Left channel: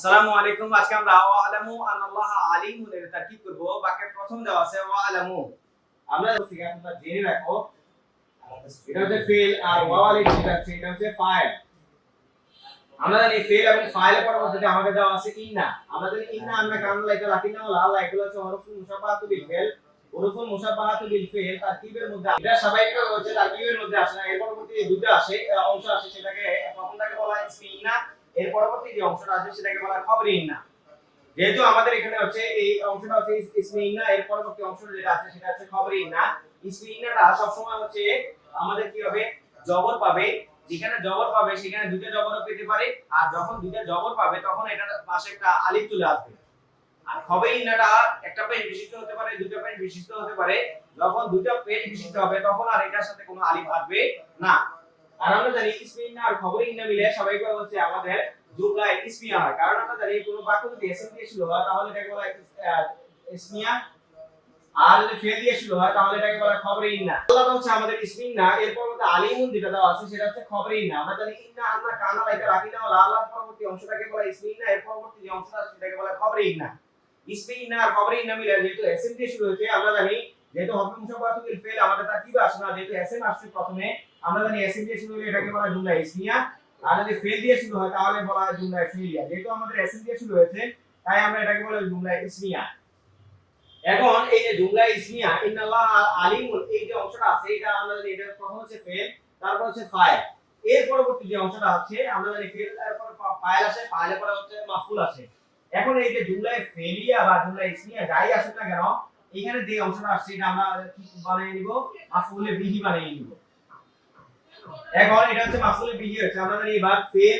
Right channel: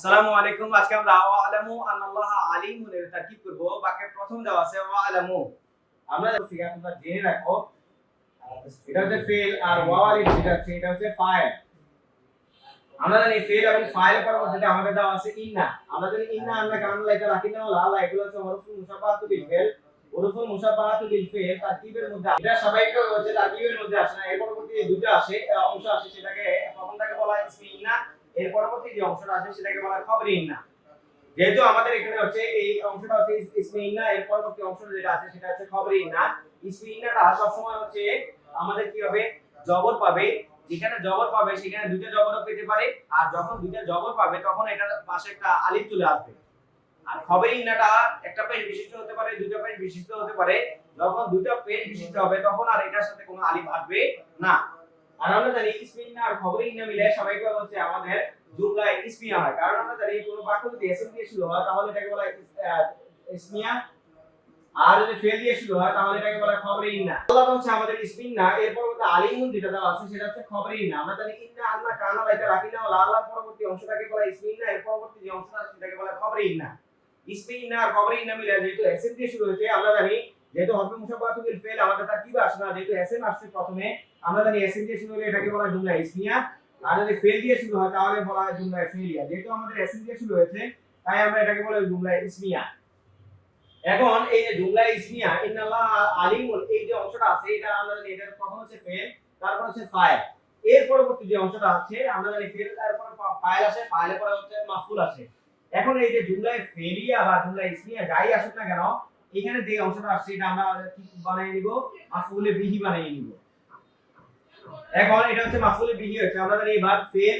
আসসালামু আলাইকুম। আজকে আমরা ওয়ালামু আনাল্লাহ আলিমুন এর তারকিব করব। বাক্যের প্রথম দেওয়া আছে ওয়ালামু। আমরা থেকে তোমরা জেনে রাখো এটা হচ্ছে ফেল আর ওয়ালিদ এটা হচ্ছে ফাইল। আমরা জানি ফেল এবং ফাইলের পরবর্তীতে আমাদের দেওয়া আছে ইন্না। আমরা জানি ইন্না আমরা কারণ লাইকা রাখিনা ওয়ালা আল্লাহ এগুলো হচ্ছে হরফুল মুশাব্বাহাতু বিল ফেল। হরফুল মুশাব্বাহাতু বিল ফেল তারকিবের মধ্যে এটা স্বাভাবিক হচ্ছে তারকিবের মধ্যে আসে না। এর পরবর্তী দুটো আসে অংশ আসে সেটাকে প্রথমটাকে বলা হয় ইসমি ইন্না। এর পরবর্তী যে অংশটা আছে সেটাকে বলা হয় খবরি ইন্না। যেহেতু আমাদের এখানে হচ্ছে এই অংশটা হচ্ছে ইসমি ইন্না, এর পরবর্তী অংশটা যেটা আছে সেটা হচ্ছে খবরি ইন্না। ইসমি ইন্নাটা সব সময় হচ্ছে আমাদের কি হবে জবর পাবে, যেখানে জবর পাবে সেখানে দুটো জবরও পেতে পারে, আর যখন দুটো জবর পাবে তখন এটার পাশে একটা আলিফ চলে আসবে। আর খবরি ইন্নাটা একটা পেশ বিশিষ্ট হতে পারে, দুটো পেশ বিশিষ্ট হতে পারে। যখন দুটো পেশ বিশিষ্ট হবে তখন আর এটার সাথে কোনো আলিফ আসবে না। আর আমরা জানি ইসমি ইন্না আর খবরি ইন্না মিলে স্বাভাবিকভাবে হচ্ছে আমাদের জুমলায় ইসমিয়া হয়। কারণ আমরা জানি কোনো বাক্য যদি এসএম দিয়ে শুরু হয় তাহলে এটাকে বলা হয় ইসমিয়া, আর যদি ফেল দিয়ে শুরু হয় তাহলে এটাকে বলা হয় খবরে ইন্না। আল্লাহটা হচ্ছে আমাদের ইসমি ইন্না, এর পরবর্তী আলিমুন যেটা দেওয়া আছে সেটা হচ্ছে খবরে ইন্না। আমরা জানি ইন্না আন্না কানা লাইকা রাখিনা ওয়ালা আল্লাহর পরবর্তী অংশটাকে বলা ইসমি ইন্না, এর পরবর্তী যে অংশটা আছে সেটাকে বলা খবরে ইন্না। ইসমি ইন্না আর খবরে ইন্না মিলে যেহেতু এসএম দিয়ে শুরু হয়েছে, আমরা জানি যেহেতু হরফে মুশাব্বাহাতু বিল ফেল আমাদের তার কি আসে না, যেহেতু এসএম আসছে প্রথমে, আমরা জানি এসএম দিয়ে শুরু হলে এটাকে বলা জুমলা ইসমিয়া। আর যদি ফেল দিয়ে শুরু হয় তাহলে বলা হয় জুমলা ফেলিয়া। যেহেতু আমাদের এসএম দিয়ে শুরু হয়েছে তাই আমরা এটাকে বলি জুমলা ইসমিয়া। এখন এই যে জুমলা ইসমিয়া ইন্নাল্লাহ আলিমুল, এই যে অংশটা আছে এটা আমরা জানি এটা প্রথম হচ্ছে ফেল, তারপর হচ্ছে ফাইল। এর পরবর্তী যে অংশটা আছে আমরা জানি ফেল, তারপর ফাইল আসে, ফাইলের পরে হচ্ছে মাফউল আসে। এখন এই যে জুমলা ফেলিয়া বা জুমলা ইসমিয়া যাই আসুক না কেন, এখানে যে অংশটা আসছে এটা আমরা কি বানিয়ে নিব, মাফউলে বিহি বানিয়ে নিব। এখন এটা হচ্ছে মাফউল বিহি হচ্ছে, আমরা জানি এবার ফেল,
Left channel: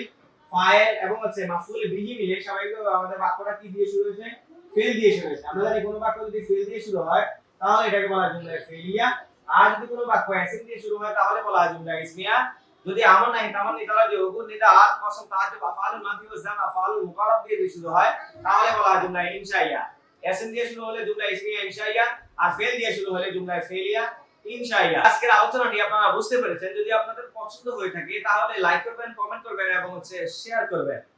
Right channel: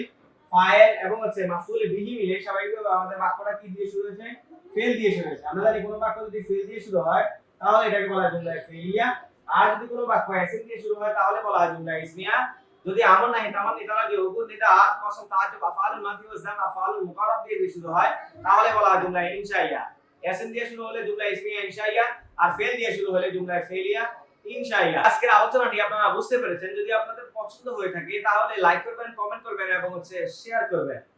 ফাইল এবং হচ্ছে মাফউল বিহি মিলে স্বাভাবিকভাবে আমাদের বাক্যটা কি দিয়ে শুরু হয়েছে, ফেল দিয়ে শুরু হয়েছে। আমরা জানি কোনো বাক্য যদি ফেল দিয়ে শুরু হয় তাহলে এটাকে বলা হয় জুমলা ফেলিয়া। আর যদি কোনো বাক্য এসএম দিয়ে শুরু হয় তাহলে বলা হয় জুমলা ইসমিয়া। যদি আমর নাই তামান নিতালা যে হুকুম নিতা আর কসম তাজ্জুব আফআলুল মাদি ওয়া জাম আফআলুল মুকাররাব দিয়ে শুরু হয় তাহলে বলা হয় জুমলা ইনশাইয়া। এসএম দিয়ে শুরু হলে জুমলা ইসমিয়া ইনশাইয়া, আর ফেল দিয়ে শুরু হলে জুমলা ফেলিয়া ইনশাআল্লাহ। আজকের আলোচনাটি আপনারা বুঝতে পেরেছেন। যদি আপনাদের পছন্দ হয়ে থাকে তাহলে লাইক করবেন, কমেন্ট করবেন এবং শেয়ার করবেন।